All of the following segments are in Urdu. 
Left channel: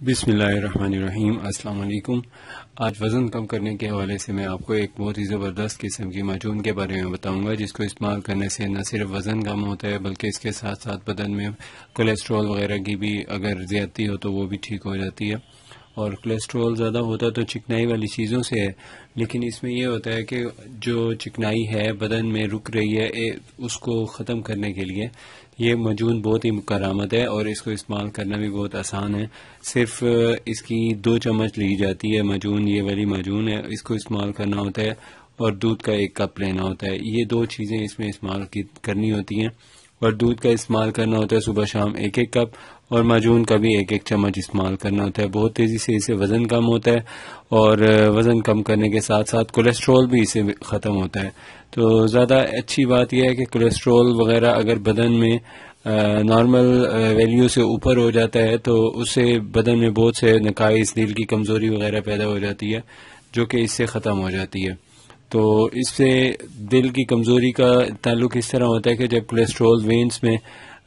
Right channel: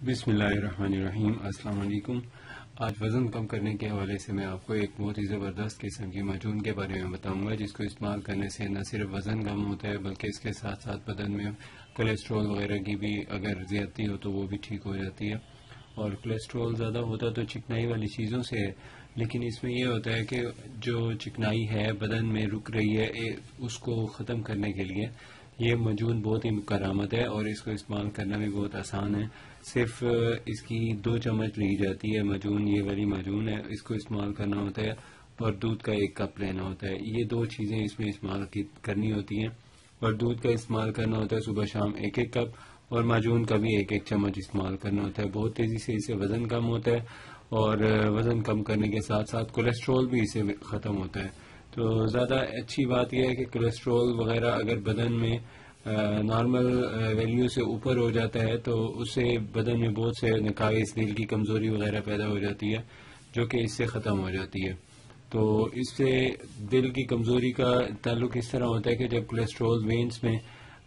بسم اللہ الرحمن الرحیم۔ السلام علیکم۔ آج وزن کم کرنے کے حوالے سے میں آپ کو ایک بہت ہی زبردست قسم کی معجون کے بارے میں بتاؤں گا، جس کو استعمال کرنے سے نہ صرف وزن کم ہوتا ہے بلکہ اس کے ساتھ ساتھ بدن میں کولیسٹرول وغیرہ کی بھی اگر زیادتی ہو تو وہ بھی ٹھیک ہو جاتی ہے۔ اور کولیسٹرول زیادہ ہوتا تو چکنائی والی چیزوں سے ہے، لیکن اس میں یہ ہوتا ہے کہ جو چکنائی ہے بدن میں رک رہی ہے اس کو ختم کرنے کے لیے یہ معجون بہت ہی کارآمد ہے، اور اس کو استعمال کرنا بھی بہت آسان ہے۔ صرف اس کی 2 چمچ لی جاتی ہے معجون، یہ والی معجون ہے، اس کو استعمال کرنا ہوتا ہے اور دودھ کا 1 کپ لینا ہوتا ہے۔ یہ 2 چیزیں اس میں استعمال کرنی ہوتی ہیں، اور دودھ کا استعمال کرنا ہوتا ہے صبح شام 1 کپ، اور معجون کا بھی 1 چمچ استعمال کرنا ہوتا ہے۔ بہت تیزی سے اس سے وزن کم ہوتا ہے، اور وزن کم کرنے کے ساتھ ساتھ کولیسٹرول بھی اس سے ختم ہوتا ہے۔ تو زیادہ اچھی بات یہ ہے کہ کولیسٹرول وغیرہ اگر بدن میں نارمل ویلیو سے اوپر ہو جاتا ہے تو اس سے بدن میں بہت سے نقائص، دل کی کمزوری وغیرہ پیدا ہو جاتی ہے، جو کہ اس سے ختم ہو جاتی ہے۔ تو اس سے دل کی کمزوری کا تعلق اس طرح ہوتا ہے کہ جب کولیسٹرول وینز میں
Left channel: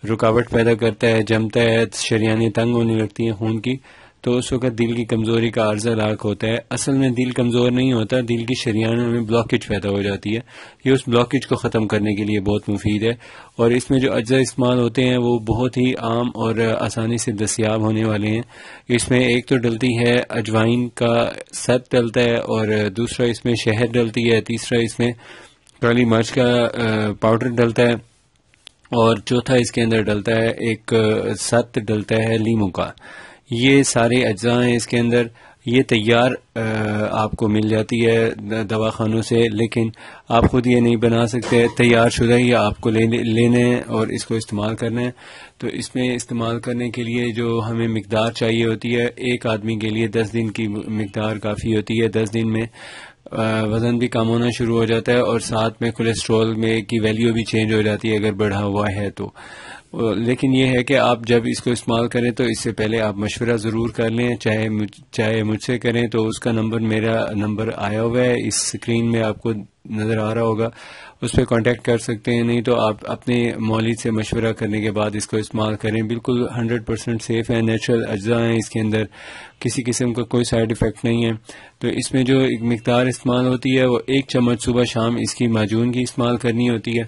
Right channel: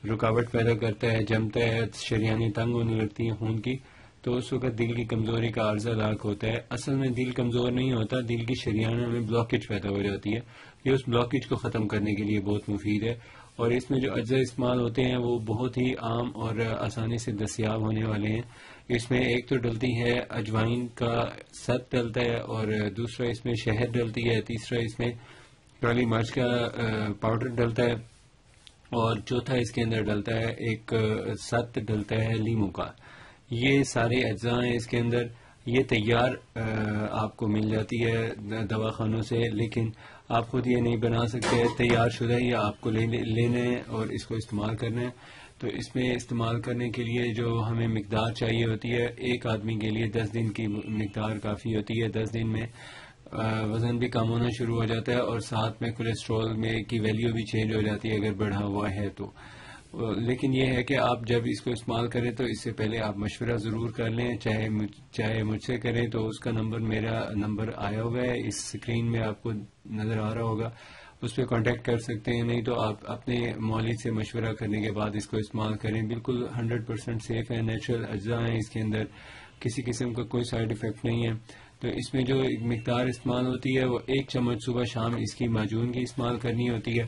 رکاوٹ پیدا کرتا ہے، جمتا ہے، شریانیں تنگ ہونے لگتی ہیں خون کی، تو اس وقت دل کی کمزوری کا عرضہ لاحق ہوتا ہے۔ اصل میں دل کمزور نہیں ہوتا، دل کی شریانوں میں بلاکیج پیدا ہو جاتی ہے۔ یہ اس بلاکیج کو ختم کرنے کے لیے بہت مفید ہے، اور اس میں جو اجزاء استعمال ہوتے ہیں وہ بہت ہی عام اور آسانی سے دستیاب ہونے والے ہیں۔ اس میں ایک تو ڈلتی ہے اجوائن کا ست ڈلتا ہے، اور دوسرا اس میں شہد ڈلتی ہے، تیسرا اس میں کالی مرچ کا پاؤڈر ڈلتا ہے، اور چوتھا اس کے اندر ڈلتا ہے ایک ست ڈلتا ہے لیموں کا۔ یہ سارے اجزاء ہیں اس کے اندر۔ یہ تیار آپ کو مل جاتی ہے دواخانوں سے، لیکن آپ خود یہ نہیں بنا سکتے، تیار شدہ ہی آپ کو لینے ہیں اور اس کو استعمال کرنا ہے۔ تو اس میں استعمال کرنے کے لیے جو ہمیں مقدار چاہیے ہوتی ہے، ایک آدمی کے لیے 10 دن کی مقدار کافی ہوتی ہے۔ 10 دن میں وزن بھی کم ہونا شروع ہو جاتا ہے، اور ساتھ میں کولیسٹرول میں کی ویلیو بھی چینج ہو جاتی ہے اگر بڑھا ہوا ہے تو۔ لیکن یہ ہے کہ آپ جب اس کو استعمال کریں تو اس سے پہلے آپ مشورہ ضرور کر لیں، چاہے مجھ سے کریں تو اس کا نمبر، میرا نمبر آیا ہوا ہے اس اسکرین میں، آپ کو نظر آ رہا ہوگا، اس پہ کانٹیکٹ کر سکتے ہیں۔ نہیں تو آپ اپنے مولد سے مشورہ کرنے کے بعد اس کو استعمال کریں۔ بالکل 100% سیف ہے، نیچرل اجزاء ہیں اس کے اندر، کسی قسم کا کوئی سائیڈ ایفیکٹ نہیں ہے۔ تو اس میں جو ایک مقدار استعمال ہوتی ہے وہ 1 چمچ صبح شام اس کی معجون کی استعمال کرنی ہوتی ہے،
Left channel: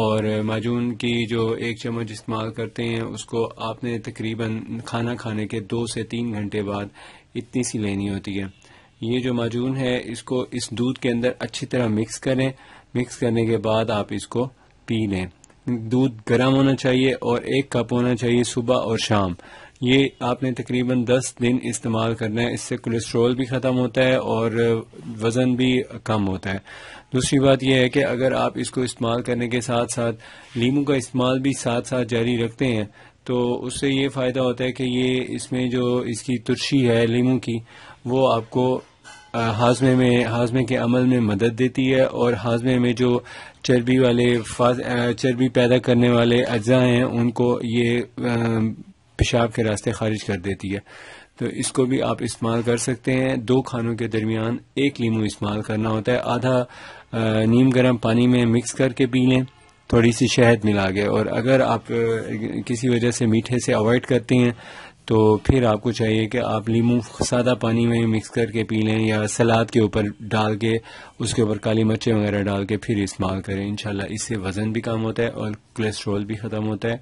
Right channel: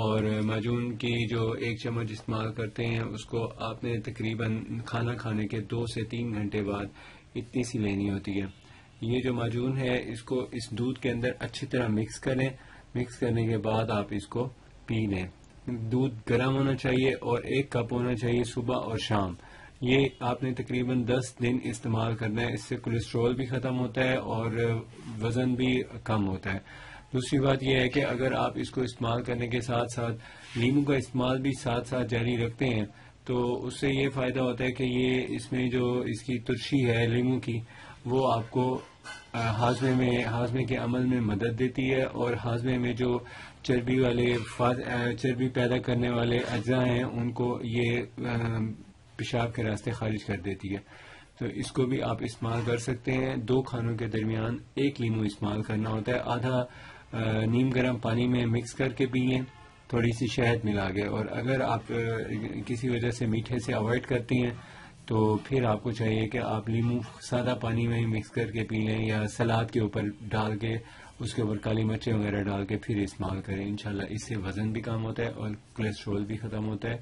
اور معجون کی جو 1 چمچ استعمال کرتے ہیں اس کو آپ نے تقریباً کھانا کھانے کے 2 سے 3 گھنٹے بعد اتنی سی لینی ہوتی ہے۔ یہ جو معجون ہے اس کو اس دودھ کے اندر اچھی طرح مکس کریں، مکس کرنے کے بعد آپ اس کو پی لیں۔ دودھ گرم ہونا چاہیے اور 1 کپ ہونا چاہیے صبح اور شام۔ یہ آپ نے تقریباً 10 دن استعمال کرنا ہے، اس سے کولیسٹرول بھی ختم ہوتا ہے اور وزن بھی کم ہوتا ہے۔ دوسری بات یہ ہے کہ اگر آپ اس کو استعمال کرنے کے ساتھ ساتھ لیموں کا استعمال بھی ساتھ ساتھ جاری رکھتے ہیں تو اس سے یہ فائدہ ہوتا ہے کہ یہ اس میں جو اس کی ترشی ہے لیموں کی، وہ آپ کو ہاضمے کے عمل میں مدد دیتی ہے، اور ہاضمے میں جو چربی پیدا کرنے والے اجزاء ہیں ان کو یہ پیشاب کے راستے خارج کر دیتی ہے۔ تو اس کو بھی آپ استعمال کر سکتے ہیں۔ 2 کھانوں کے درمیان 1 لیموں استعمال کرنا ہوتا ہے، آدھا نیم گرم پانی میں مکس کر کے پی لیں، تھوڑی سی شہد ملا کے۔ اور اگر آپ کسی وجہ سے میٹھے سے اوائڈ کرتے ہیں تو پھر آپ کو چاہیے کہ آپ لیموں سادہ پانی میں مکس کر کے پی لیں، یا سلاد کے اوپر ڈال کے اس کے اوپر کالی مرچیں وغیرہ ڈال کے پھر استعمال کریں۔ انشاءاللہ اس سے وزن بھی کم ہوتا ہے اور کولیسٹرول بھی ختم ہوتا ہے۔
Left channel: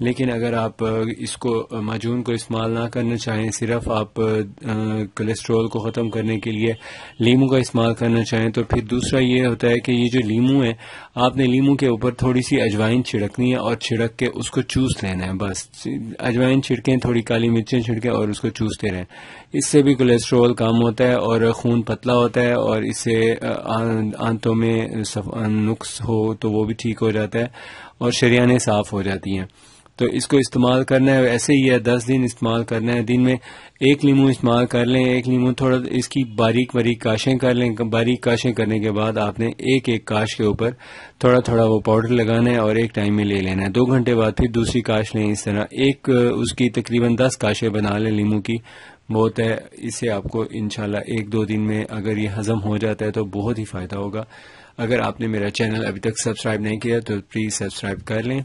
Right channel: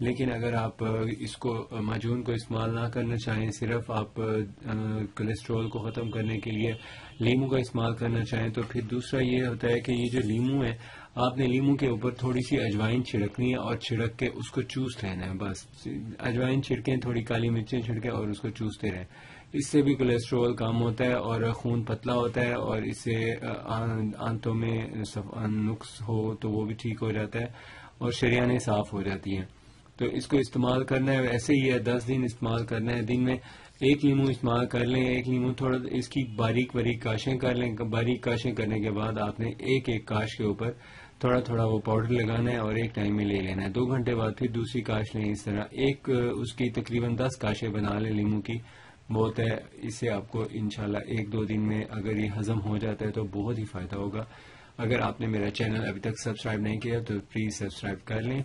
لیکن اگر آپ اس کو معجون کو استعمال نہ کرنا چاہیں، صرف آپ کولیسٹرول کو ختم کرنے کے لیے لیموں کا استعمال کرنا چاہیں، تو پھر دوسرا یہ ہوتا ہے کہ یہ جو لیموں ہے، آپ نے لیموں کے اوپر تھوڑی سی اجوائن چھڑکنی ہے اور چھڑک کے اس کو چوس لینا ہے، بس اجوائن چھڑکیں، تھوڑی کالی مرچیں چھڑکیں اور اس کو چوستے رہیں۔ اس سے بھی کولیسٹرول کم ہوتا ہے اور خون پتلا ہوتا ہے، اور اس سے آنتوں میں نقص ہو تو وہ بھی ٹھیک ہو جاتا ہے، اور شریانیں صاف ہو جاتی ہیں۔ تو اس کو استعمال کرنا ہے ایسے ہی ہے، 10 دن استعمال کرنا ہے۔ دن میں 1 لیموں استعمال کر لیں، 1 لیموں تھوڑا اس کی باریک کاشیں کر لیں۔ باریک کاشیں کرنے کے بعد آپ نے ایک کاش کے اوپر تھوڑا تھوڑا وہ پاؤڈر لگانا ہے اور ایک ٹائم میں لے لینا ہے۔ 2 گھنٹے بعد پھر دوسری کاش لیں، اس طرح اس کی تقریباً 10 کاشیں بنا لیں لیموں کی، بہت ہے۔ اس سے آپ کو انشاءاللہ 1-2 دن میں اگر یہ ہضم ہو جاتا ہے تو بہت ہی فائدہ ہوگا۔ اگر آپ نے میرا چینل ابھی تک سبسکرائب نہیں کیا تو پلیز سبسکرائب کر لیں۔